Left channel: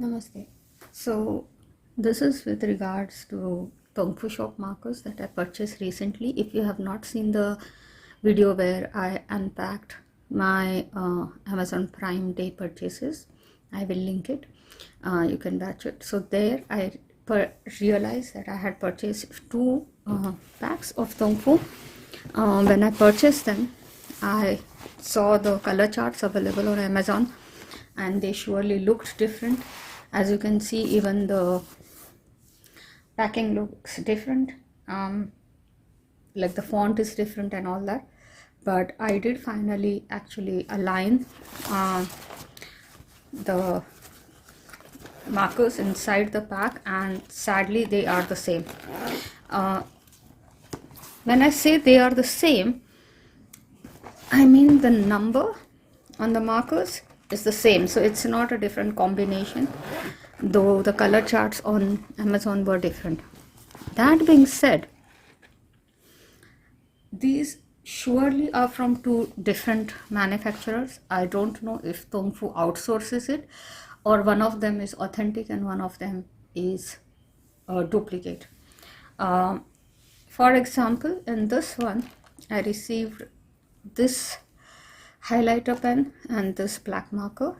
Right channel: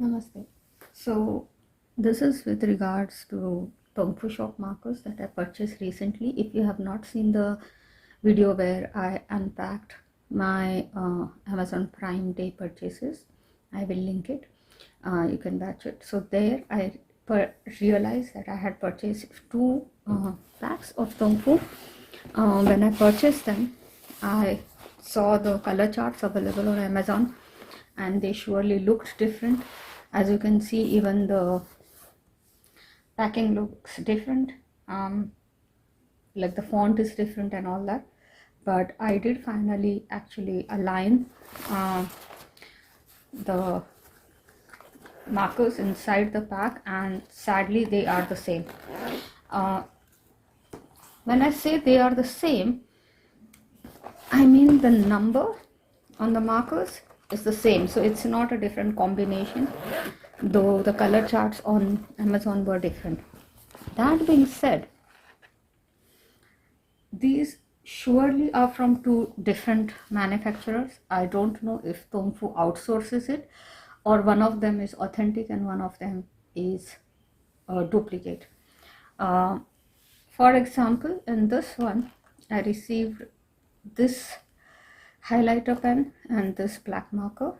Namaste. So this is with regards to Tongfushop markers that I purchased recently. If you have not seen the video where I unpacked my Amazon Prime Day purchases, I will link it. You can watch it. So there I realized that I had purchased two packs of Tongfu. When I purchased them, I saw the color charts available on Amazon and they surely looked different. As you can see, even the packing looks different, like the font is different and all that, but I did finally actually align the markers inside the pack, and sadly they are the same. When I say they are the same, I mean the number on the markers is the same, so it's not a different combination, though the color charts on Amazon were different. That being said, these surely are from two different manufacturers. I don't know if Tongfu outsources it or one of them is authentic and one of them is a duplicate. For example, in this one, I received this highlighter pen and this black marker.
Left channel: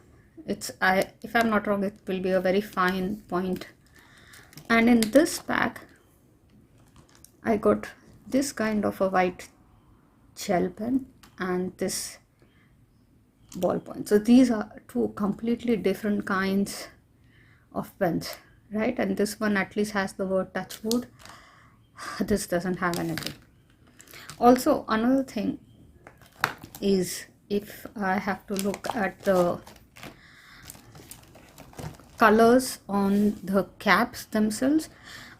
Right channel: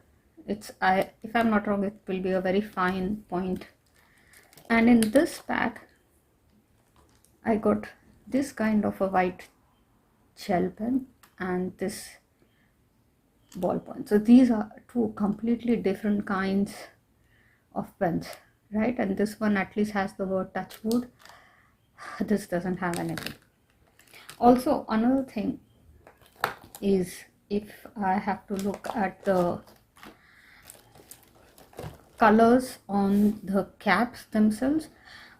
If I'm not wrong, it will be a very fine point. And in this pack, I got this kind of a white gel pen and this ballpoint. So these are two completely different kinds of pens, right? And this one at least has the word touch wood. This doesn't have anything. Also, another thing is, if I have to look at the colors on the caps themselves,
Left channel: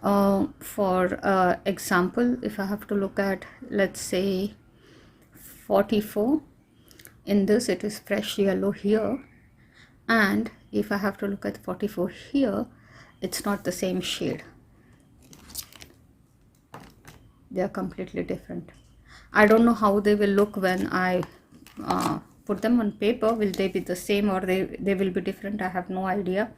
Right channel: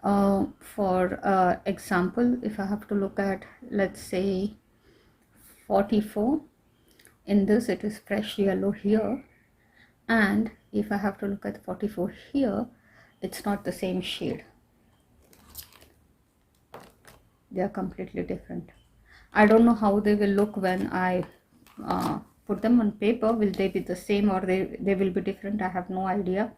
for example, if I have to look at, let's say 44, in this it is fresh yellow here, and if I have to look at 44 here, it's not the same shade. They are completely different. I don't know how they will look when I put them on paper. Will they be the same or they will be different? I have no idea,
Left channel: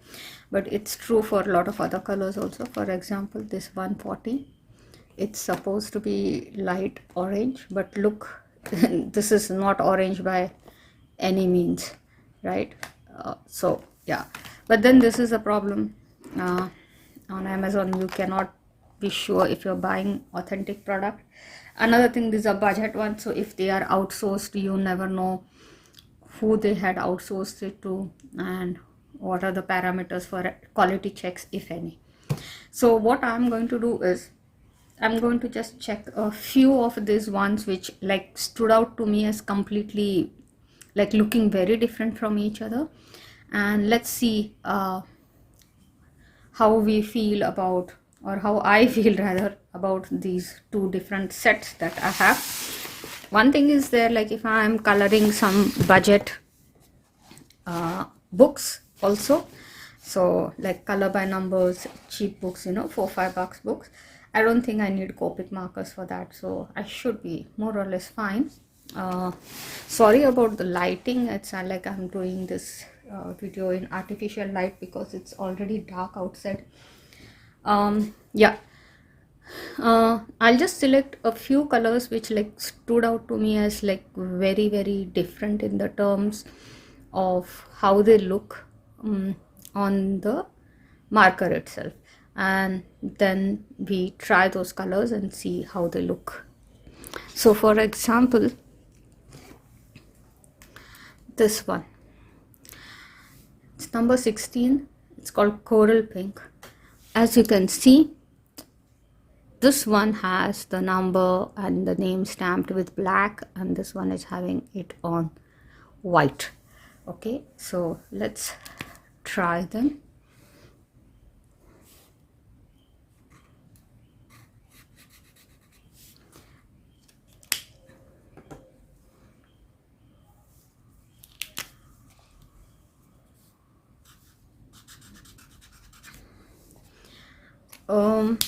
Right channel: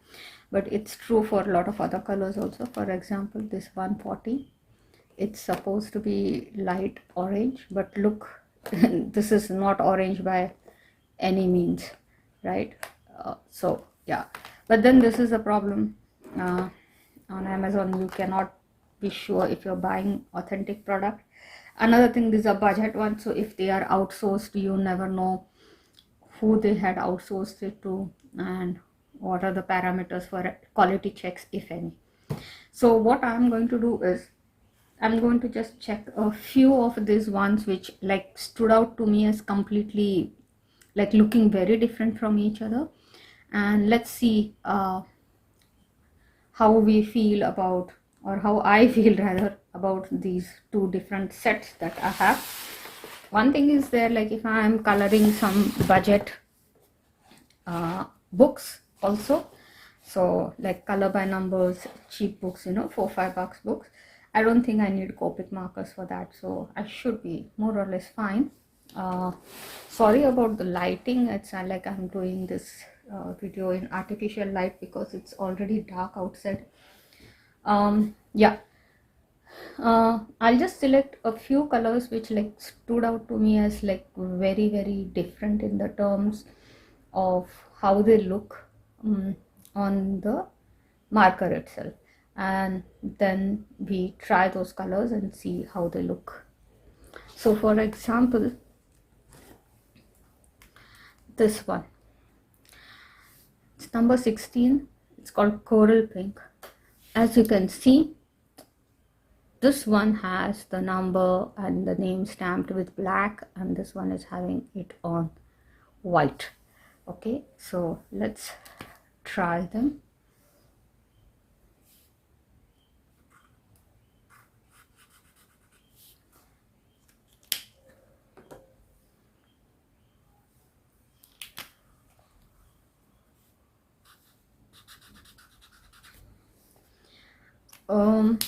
but it's true for a lot of other colors also. For example, this 140, it's supposed to be light orange, but look, this is not orange by any means, right? So yeah, but then this is a problem. On Amazon you cannot be sure if you're buying authentic product. Another thing, these are budget ones, so if they are outsourced, you never know who they had outsourced it to and what are the parameters for quality checks, if any. So what I'm going to do is, I'm going to just check a few of these ones which like stood out to me as completely like looking very different from each other, and let's see how we feel about, or how I feel rather, about these two different sets that I have. One thing is there, like if I am coloring some budget books also, so like color by numbers, cheap books, you know, $4-5 books, I don't think I need Copic markers for that, so I should be more or less fine. Sorry about the lighting. It's like I'm doing this video in artificial light because it's already dark outside. Yeah, I'll just select a few colors which like stood out to me as like very, very different in the terms of how they look on the marker itself, and then we try those colors and see how they look. So for example, this one, it's number 16, it's called Coral Pink. As you can see, this one has the number and the name stamped with black, and this one is having it on white. Okay, so let's try them.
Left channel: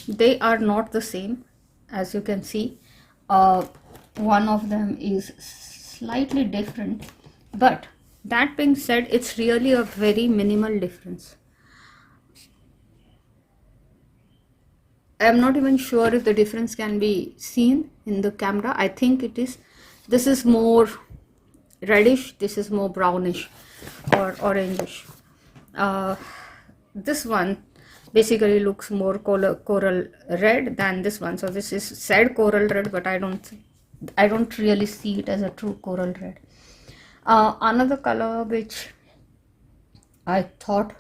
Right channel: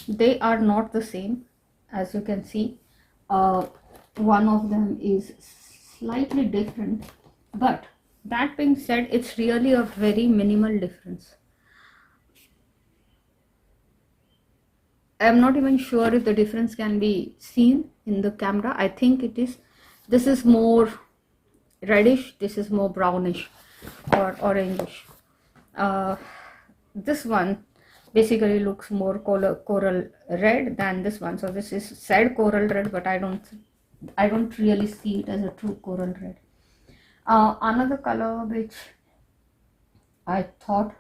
They are not the same. As you can see, one of them is slightly different, but that being said, it's really a very minimal difference. I'm not even sure if the difference can be seen in the camera. I think it is. This is more reddish, this is more brownish or orangish. This one basically looks more coral red than this one. So this is said coral red, but I don't really see it as a true coral red. Another color which I thought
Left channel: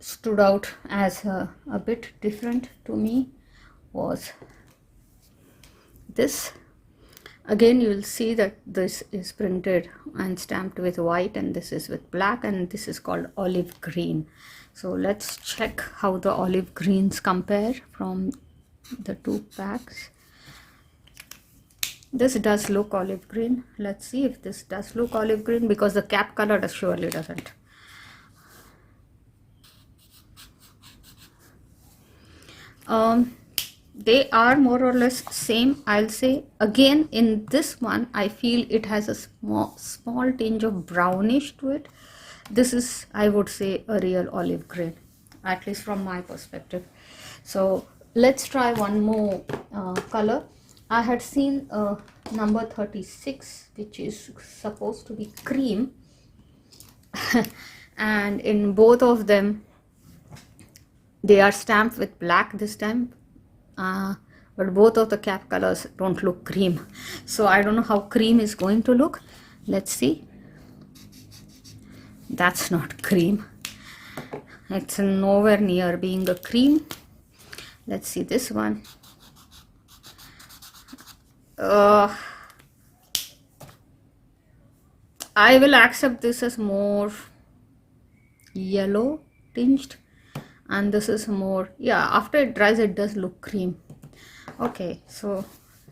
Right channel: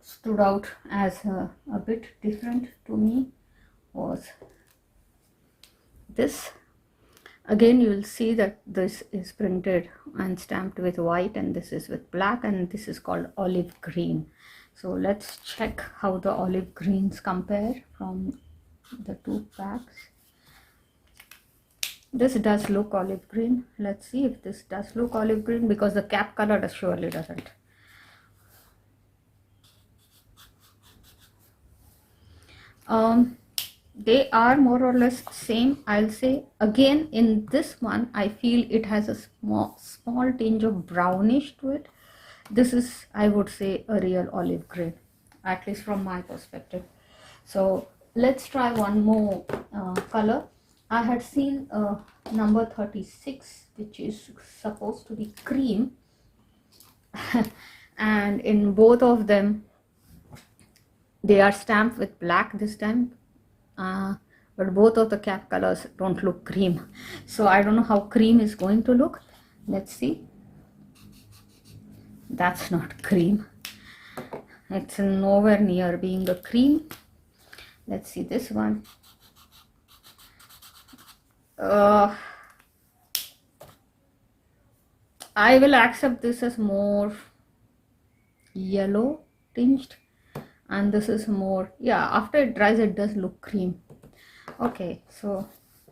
stood out as a bit different to me was this. Again, you will see that this is printed and stamped with white, and this is with black, and this is called olive green. So let's check how the olive greens compare from the two packs. This does look olive green. Let's see if this does look olive green, because the cap color surely doesn't. They are more or less same, I'll say. Again, in this one I feel it has a small tinge of brownish to it. This is, I would say, a real olive green, at least from my perspective. So let's try one more color. I had seen number 36, which is supposed to be cream, and in both of them they are stamped with black this time, but both of the cap colors don't look cream. So I don't know how cream is going to look. Let's see. That's not cream. It's nowhere near being a cream. Let's see this one. I will accept this as more yellow tinged, and this is more, yeah, after it dries it does look cream. Okay, so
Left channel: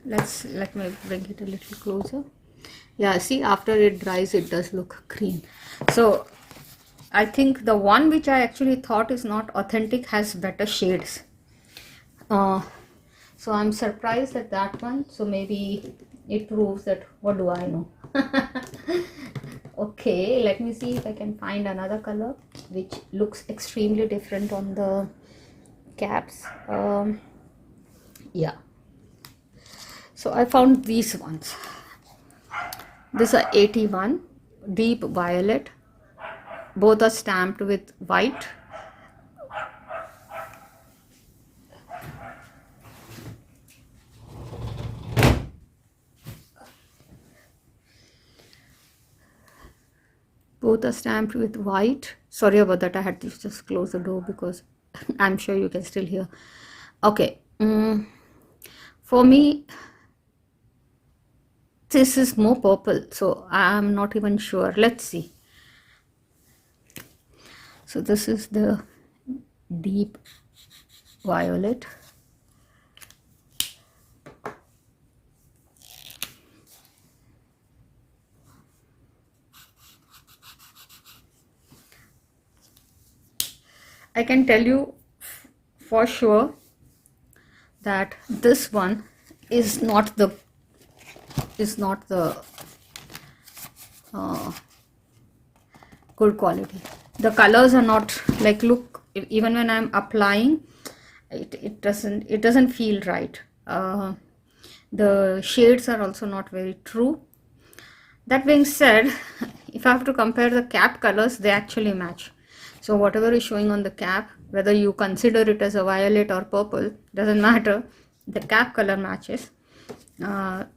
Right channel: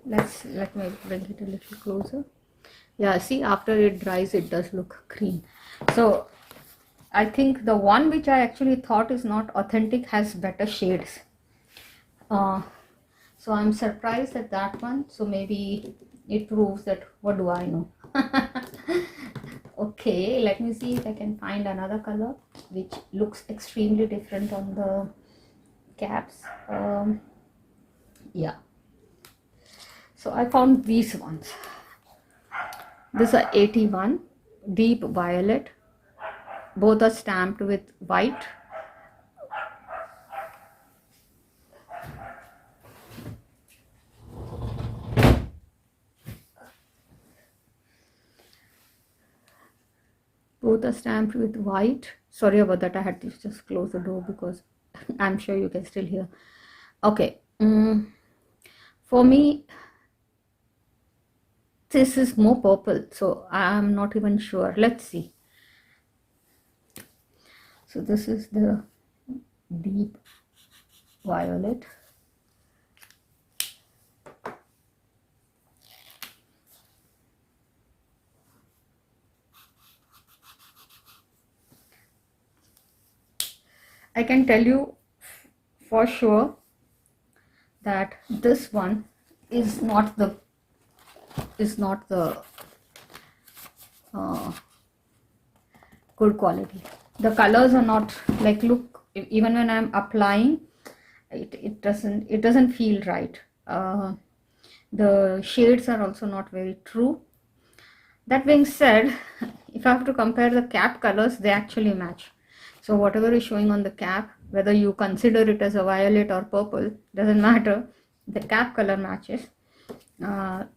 let me bring it a little closer. Yeah, see, after it dries it does look cream. So I think the one which I actually thought is not authentic has better shades. So I'm surprised at that one. So maybe it proves that, what do I know? Okay, let me see if I can find another color which looks extremely different on the caps. Yeah, so I found these ones. These are 81, deep violet. Both are stamped with white. Both are stamped with white. Sorry about that, I had to just close the door because I'm sure you can still hear. Okay, for me this is more purple, so I'm not even sure. Let's see. So this is the deep violet. I can tell you for sure that this one is not the good quality. The colors are not like, look, even when I'm applying it doesn't feel right. The shades are also not very true. That being said, if I have to compare the cap colors, they actually match. So whatever is showing on the cap, whether you consider it as a violet or purple, doesn't matter, the cap color matches.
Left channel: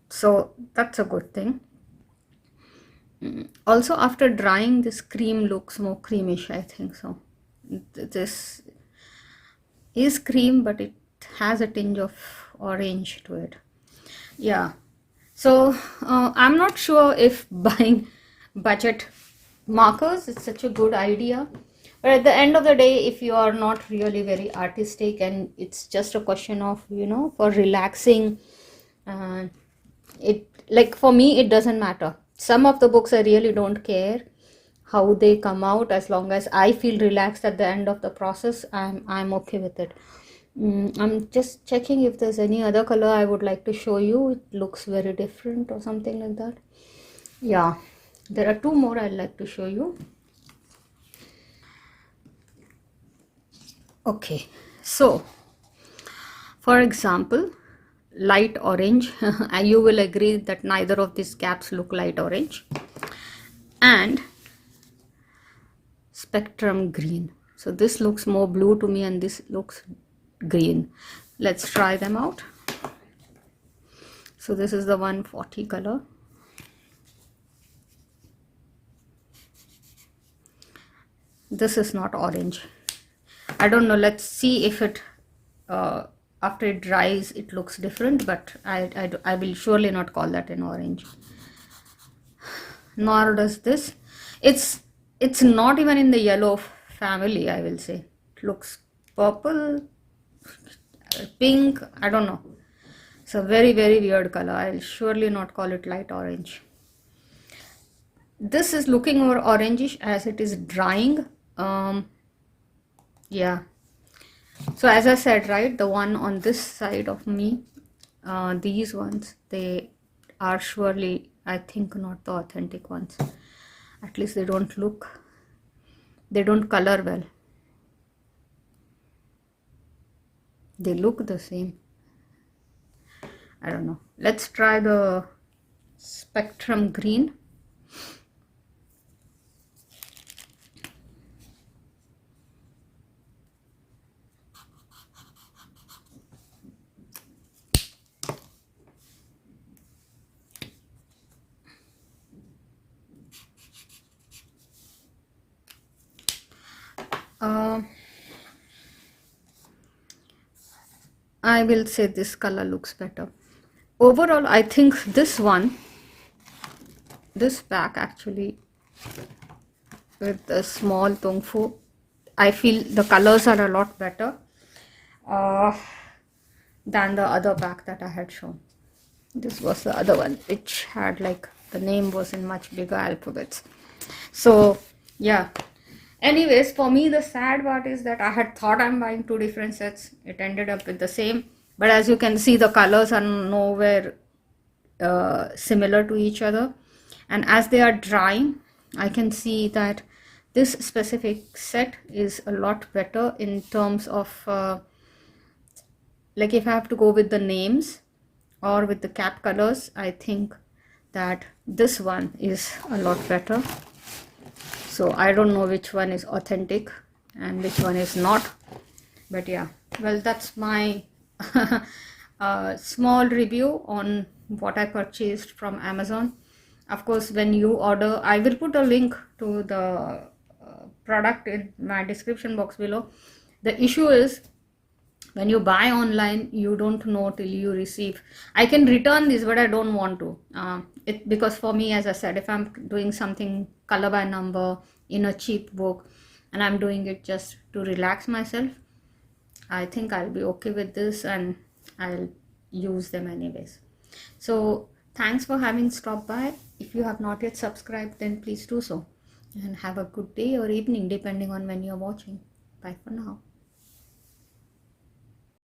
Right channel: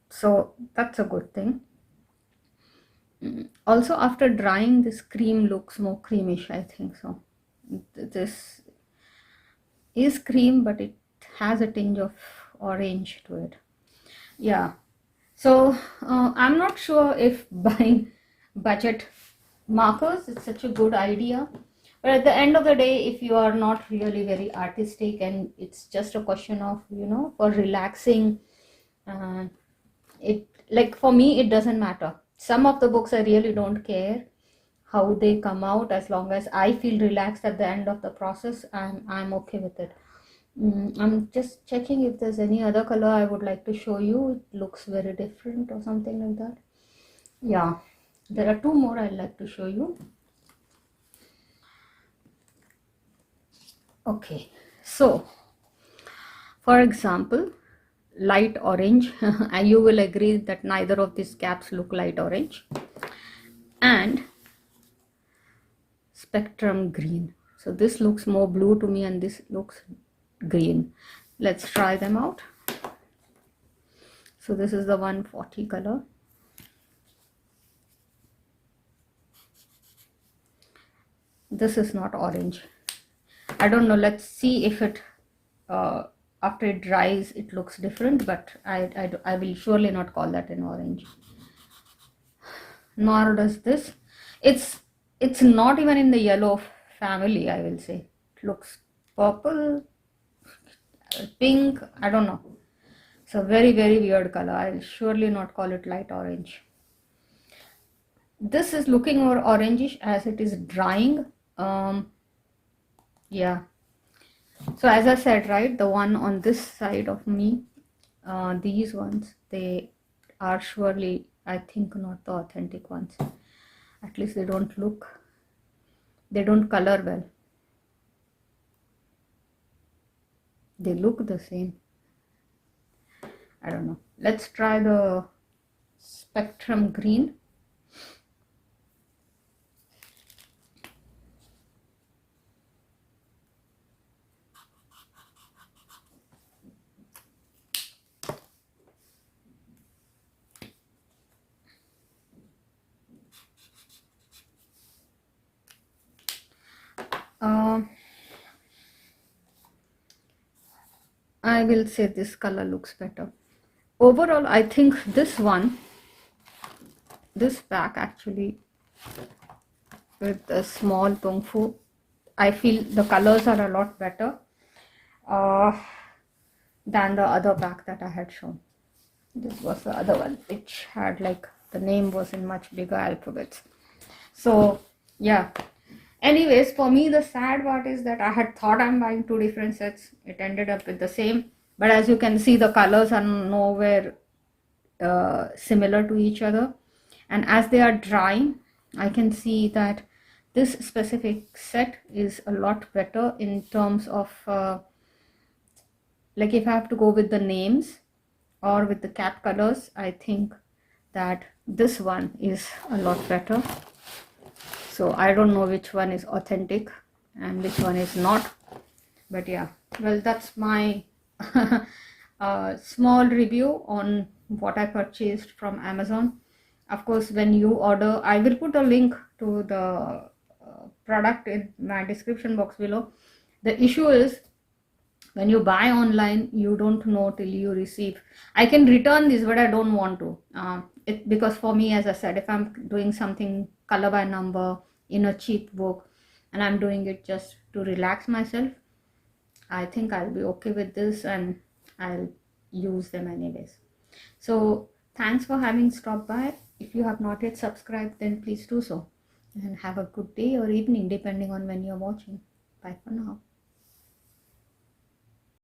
So that's a good thing. Also, after drying, this cream looks more creamish, I think. So this is cream, but it has a tinge of orange to it. Yeah, so I'm not sure if buying budget markers is such a good idea, but at the end of the day, if you are not really very artistic and it's just a question of, for relaxing, it, like, for me it doesn't matter. Some of the books I really don't care how they come out, as long as I feel relaxed at the end of the process, I'm okay with it. I'm just checking if there's any other color I would like to show you. It looks very different or something like that. Yeah, there are two more I'd like to show you. Okay, so For example, light orange, and you will agree that neither of these caps look light orange, and spectrum green. So this looks more blue to me and this looks green. Let's try them out. So this is the 140 color. This is not orange. I don't know, let's see if it after it dries it looks different, but I will surely not call that an orange. Nor does this. It's not even in the yellow family, I will say. It looks purple, pink, I don't know. It's a very, very weird color. I'll surely not call it light orange. This is looking more orangish as it is drying. Yeah. So as I said, right, the one on this side of me, these ones, they are surely, I think, not the authentic ones. At least they don't color well. They look the same. I don't know. Let's try the spectrum green. I will say this color looks better. Overall, I think this pack actually, with the small Tongfu, I feel the colors are a lot better than the other pack that I had shown. This was the other one, which had like, the name was in much bigger alphabets. So yeah. Anyways, for me, the sad part is that I had thought I'm buying two different sets. It ended up with the same. But as you can see, the colors are nowhere similar to each other. And as they are drying, I can see that this specific set is a lot better in terms of, like if I have to go with the names or with the cap colors, I think that this one is a lot better. So I don't know which one is authentic and which one is not, but yeah, well, that's my small review on what I purchased from Amazon. Of course, when you order, I will put a link to the product in my description box below. The issue is, when you buy online, you don't know till you receive. I can return this, but I don't want to. Because for me, as I said, if I'm doing something color by number in a cheap book and I'm doing it just to relax myself, I think I'll be okay with this and I'll use them anyways. So thanks for having stopped by. If you have not yet subscribed, then please do so. And have a good day or evening depending on when you're watching. Bye for now.